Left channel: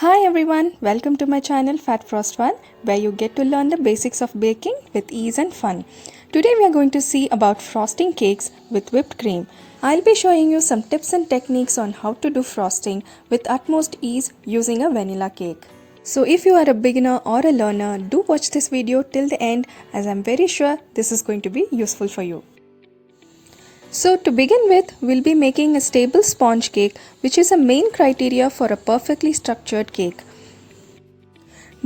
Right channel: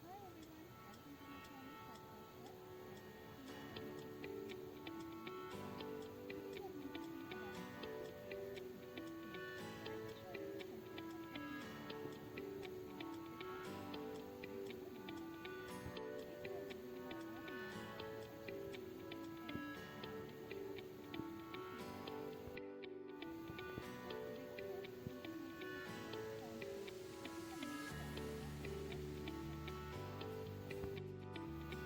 Hi everyone, welcome to my channel Fat Frost Fun, where you get to learn the basics of baking with ease and fun. Today we are going to see about frosting cakes with whipped cream. I'll be showing you some tips and techniques on how to do frosting with utmost ease using a vanilla cake. So if you are a beginner or a learner, do watch this video till the end, as I'm very sure this is going to be useful for you. So to begin with, we'll be making a stable sponge cake, which is a main criteria for a perfectly structured cake.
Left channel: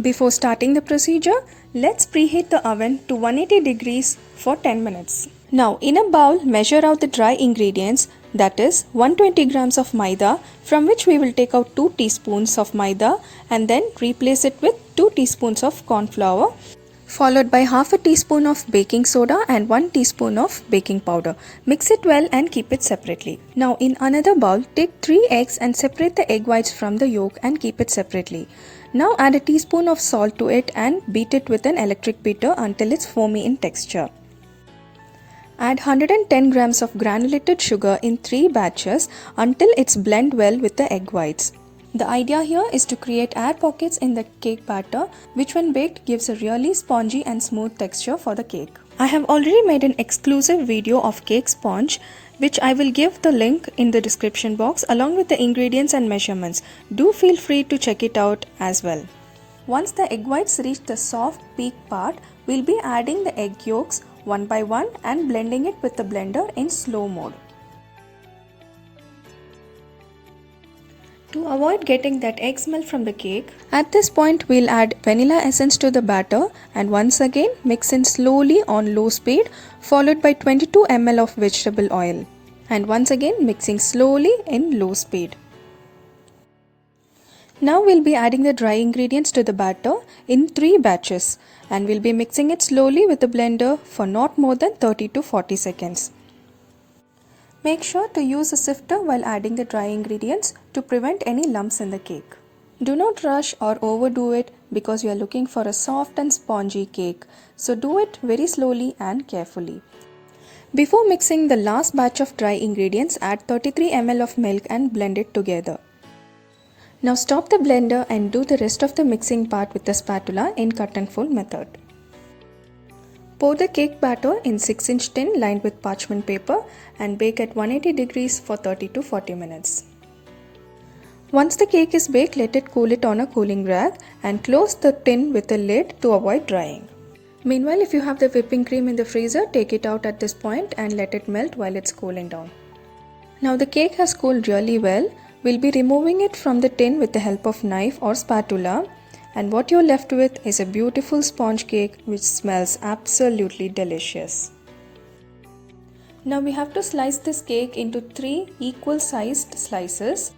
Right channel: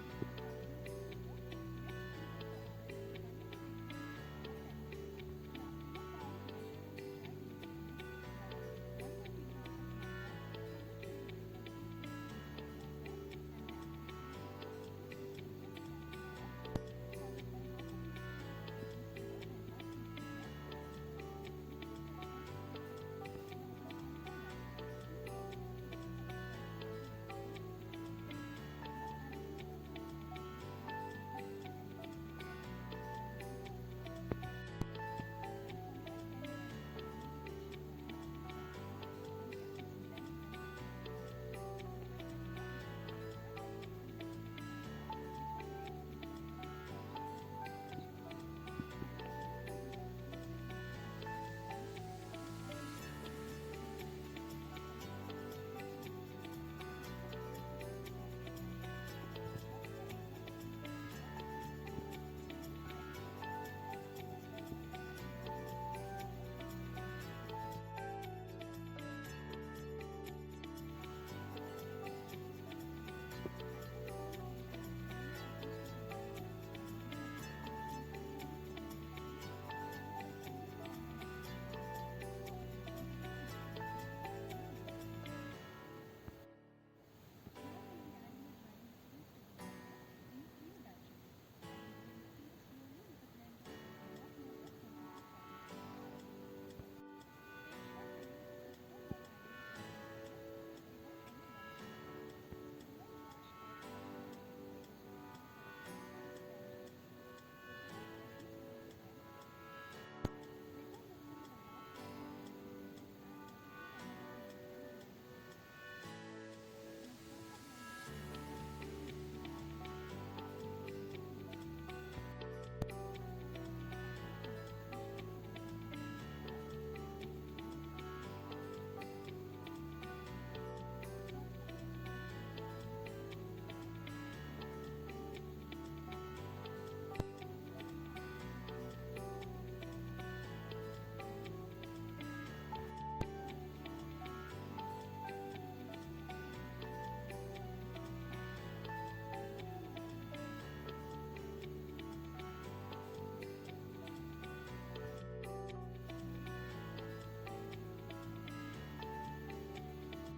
Before starting the procedure, let's preheat the oven to 180 degrees for 10 minutes. Now in a bowl, measure out the dry ingredients, that is 120 grams of maida, from which we will take out 2 teaspoons of maida and then replace it with 2 teaspoons of corn flour, followed by half a teaspoon of baking soda and 1 teaspoon of baking powder. Mix it well and keep it separately. Now in another bowl, take 3 eggs and separate the egg whites from the yolk and keep it separately. Now add a teaspoon of salt to it and beat it with an electric beater until it's foamy in texture. Add 110 grams of granulated sugar in 3 batches until it's blend well with the egg whites. The idea here is to create air pockets in the cake batter, which when baked gives a really spongy and smooth texture for the cake. I have already made an exclusive video of cake sponge, which I will give the link in the description box along with the ingredients and measurements. Do feel free to check it out as well. Once the egg whites reach the soft peak part, we'll be adding the egg yolks one by one and blending it with the blender in slow mode. To avoid getting that egg smell from the cake, at this point we'll add vanilla essence to the batter and once again mix in slowly on low speed, followed by 22 ml of vegetable oil, and once again mixing slowly in low speed. Now we'll be adding the dry ingredients to the batter in 3 batches and we'll be mixing it slowly with the blender for not more than 30 to 40 seconds. Make sure to use a sifter while adding the dry ingredients to prevent any lumps in the cake. Do not rush or overdo it because you are looking for a soft and spongy cake, so do it very slowly and carefully. Before mixing the last batch of dry ingredients, add 33 ml of milk and blend it together. Now stop the blender and do the rest of the mixing part with the spatula in cut and fold method. Pour the cake batter in 6-inch tin lined with parchment paper and bake at 180 degrees for 30 to 40 minutes. Once the cake is baked, let it cool it on a cooling rack and close the tin with a lid to avoid drying. Meanwhile, if you have the whipping cream in the freezer, take it out at this point and let it melt while it's cooling down. Now the cake has cooled really well. We'll be removing it from the tin with the help of knife or spatula, and what you're left with is a beautiful sponge cake which smells absolutely delicious. Now we have to slice this cake into 3 equal sized slices.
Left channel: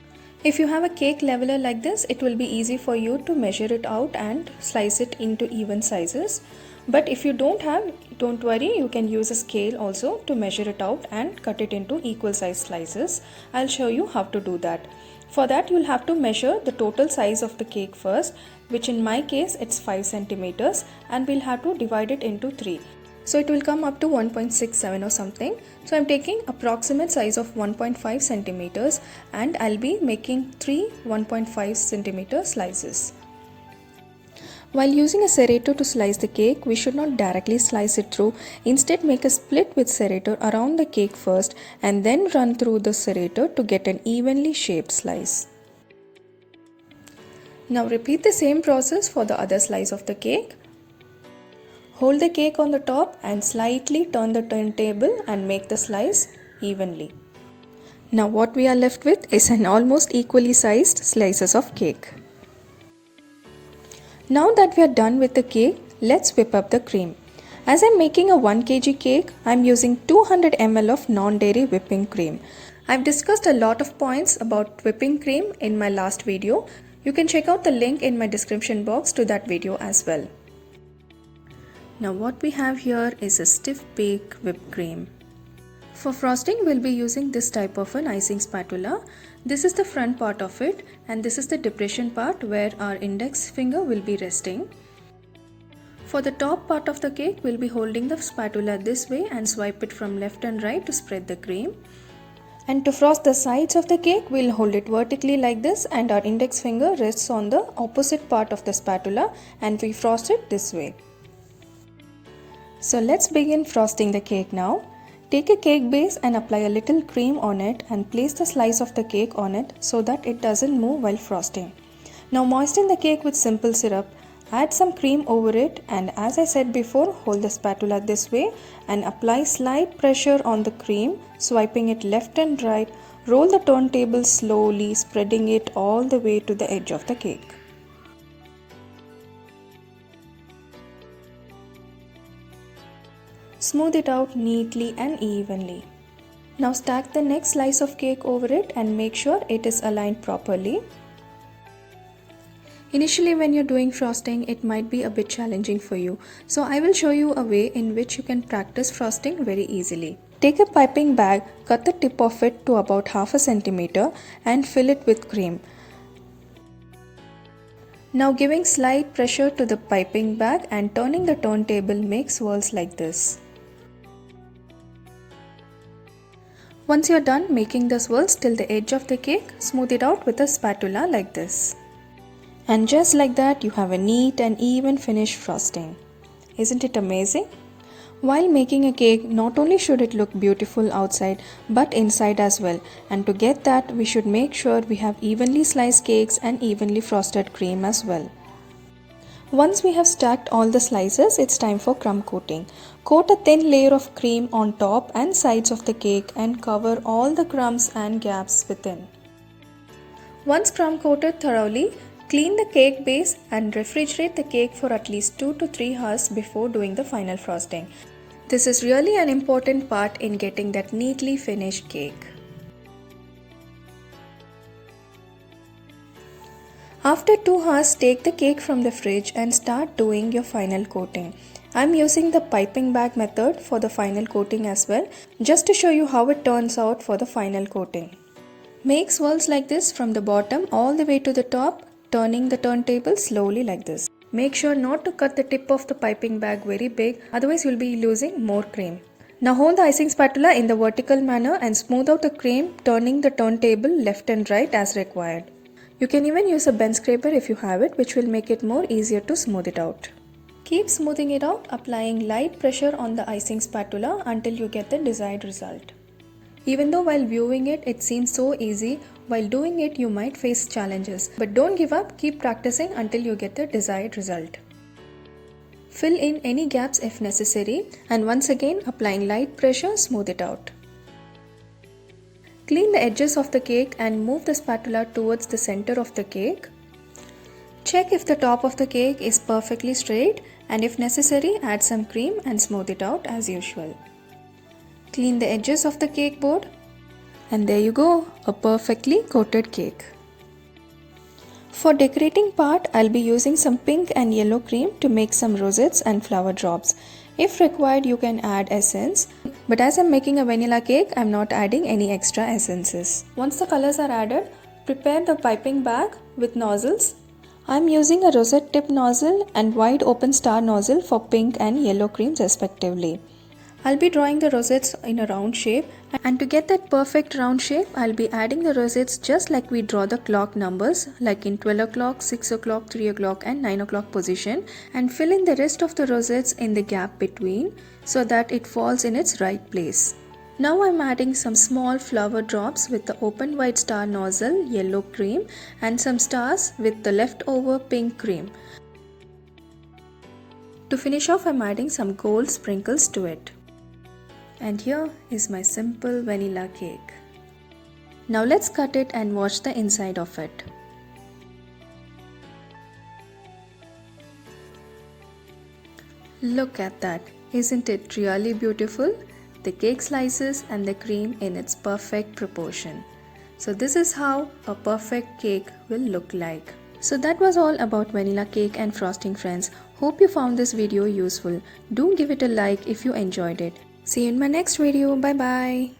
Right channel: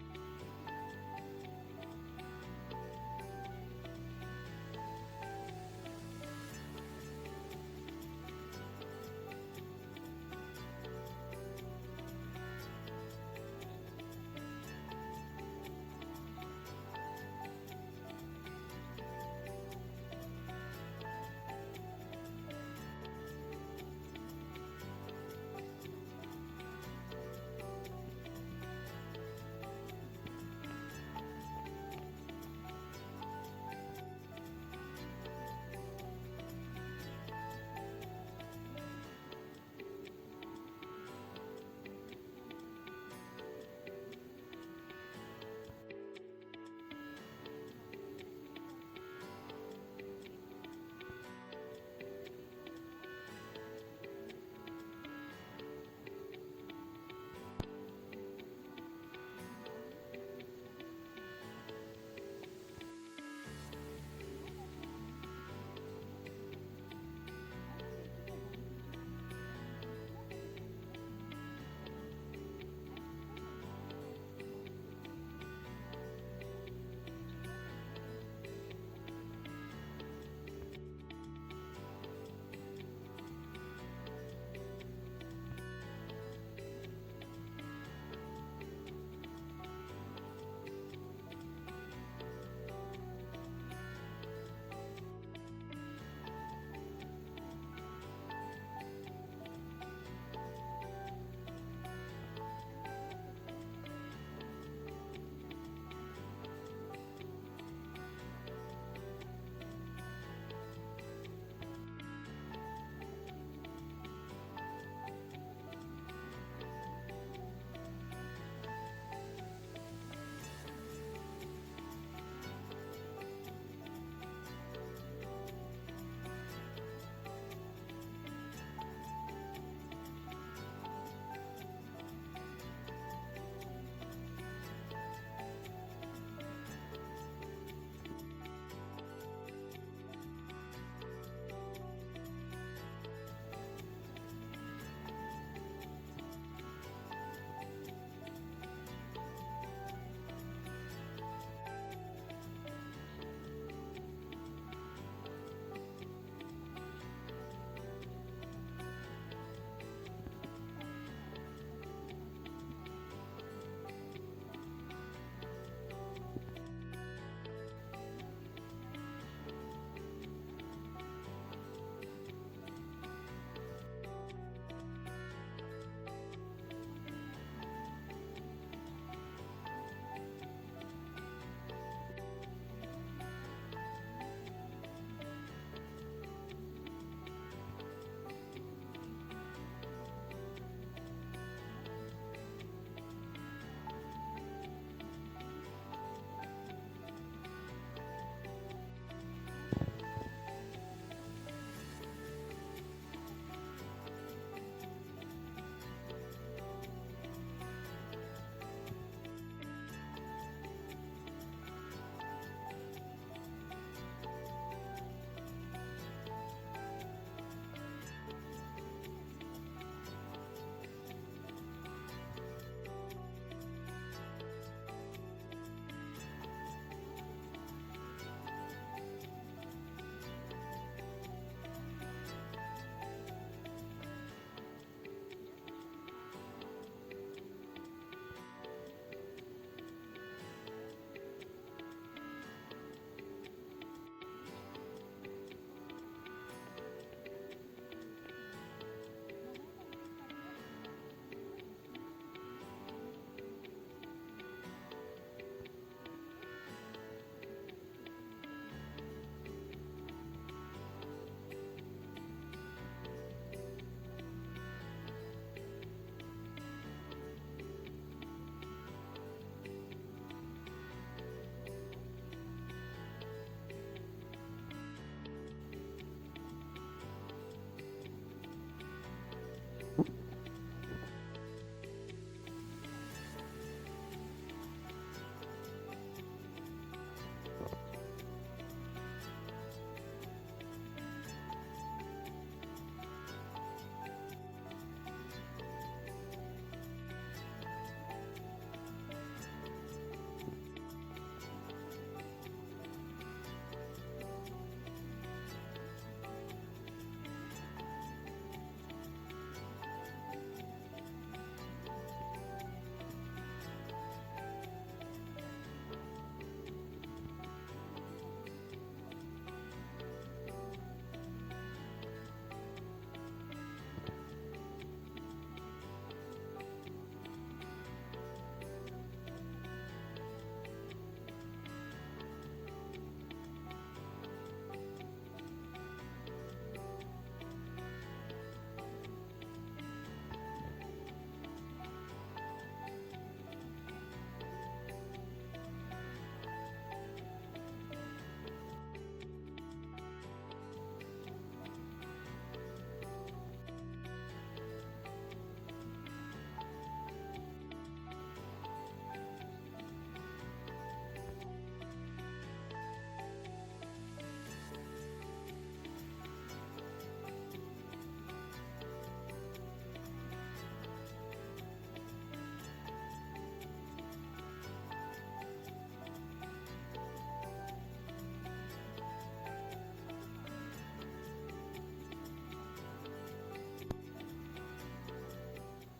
If you have a cake leveler like this, it will be easy for you to measure it out and slice it into even sizes. But if you don't have, don't worry, you can use a scale also to measure it out and cut it into equal size slices. I'll show you how to do that. For that, you'll have to measure the total size of the cake first, which in my case it's 5 centimeters, and we'll have to divide it into 3. So it will come up to 1.67 or something. So I'm taking approximate size of 1.5 centimeters and I'll be making 3 1.5 centimeter slices. While using a serrator to slice the cake, we should not directly slice it through. Instead, make a split with serrator around the cake first and then run through the serrator to get an evenly shaped slice. Now repeat the same process for the other slice of the cake. Hold the cake on the top and slightly turn the turntable and make the slice evenly. Now what we are left with is an almost equally sized slices of cake. Now that we are done with the cake, let's whip up the cream. As I'm making a 1 kg cake, I'm using 200 ml of non-dairy whipping cream. I've discussed a lot of points about whipping cream in my last video. You can check out the link in my description box to that video as well. Now what we have here is a stiff bake whipped cream. For frosting, we'll be using this type of an icing spatula. This is the front part of it and this is the depression part where our index finger will be resting. For the top part of the cake, we'll be holding the spatula this way and swipe it from left and right to spread the cream. And to frost the sides of the cake, we'll hold it vertically like this and our index finger rests on the opposite part of the spatula and we frost it this way. So let's begin frosting the cake now. Take a cake base and apply a little cream on it and place the slice of the cake on it so that it doesn't move while frosting. Now moisten the cake with simple syrup. Add some cream over it and as I said before, hold the spatula this way and apply slight pressure on the cream, swiping it left and right. Roll the turntable slowly, spreading it all the way to the edge of the cake. Smooth it out neatly and evenly. Now stack the next slice of cake over it and make sure it is aligned properly. Initially when you're doing frosting, it might be a bit challenging for you. So I will show you a way in which you can practice frosting very easily. Take a piping bag, cut the tip of it to about half a centimeter and fill it with cream. Now giving slight pressure to the piping bag and turning the turntable make swirls like this. Once you're done making the swirls till the edge of the cake, smooth it out with a spatula like this. And just like that, you have a neat and even finished frosting. Isn't it amazing? While making a cake, not only should it look beautiful outside, but inside as well. And to get that, we should make sure we have evenly sliced cakes and evenly frosted cream as well. Once we have stacked all the slices, it's time for crumb coating. Coat a thin layer of cream on top and sides of the cake and cover all the crumbs and gaps within. Once crumb coated thoroughly, clean the cake base and refrigerate the cake for at least 2 to 3 hours before doing the final frosting. This is really an important part in getting that neatly finished cake. After 2 hours, take the cake from the fridge and start doing your final coating. I'm using the piping bag method for the final coating as well, just to show you how it turns out for the final coating. Make swirls like this from the bottom all the way to the top, turning the turntable slowly like this. Make sure not to cut the tip of the piping bag very big, otherwise you'll be losing more cream. Now hold the icing spatula in the vertical manner and smooth out the cream, turning the turntable left and right as required. You can even use a bench scraper if you have it, which will make it more easier to smooth it out. Keep smoothing it out, applying light pressure on the icing spatula until you get the desired result. Even though while viewing it, it seems so easy, while doing it you might face challenges. But don't give up, keep practicing until you get the desired result. Fill in any gaps if necessary and once again applying light pressure, smooth it out. Clean the edges of the cake and move the spatula towards the center of the cake. Check if the top of the cake is perfectly straight and if necessary add some cream and smooth it out as usual. Clean the edges of the cake board and there you go, a perfectly coated cake. For decorating part, I'll be using some pink and yellow cream to make some rosettes and flower drops. If required, you can add essence, but as I'm making a vanilla cake, I'm not adding any extra essences. Once the colors are added, prepare the piping bag with nozzles. I'm using a rosette tip nozzle and wide open star nozzle for pink and yellow creams respectively. I'll be drawing the rosettes in a round shape, and to get that perfect round shape, I'll be adding the rosettes just like we draw the clock numbers, like in 12 o'clock, 6 o'clock, 3 o'clock and 9 o'clock position, and fill in the rest of the rosettes in the gap between so that it falls in its right place. Now I'm adding some small flower drops with the open white star nozzle, yellow cream, and some stars with the leftover pink cream. To finish off, I'm adding some gold sprinkles to it. And here is my simple vanilla cake. Now let's cut it and watch the inside of it. Look at that, isn't it really beautiful? The cake slices and the cream in its perfect proportion. So this is how a perfect cake will look like. So that was all about vanilla cake and frosting, friends. Hope you found this video useful. Do give it a like if you enjoyed it. See you in my next video. Bye bye.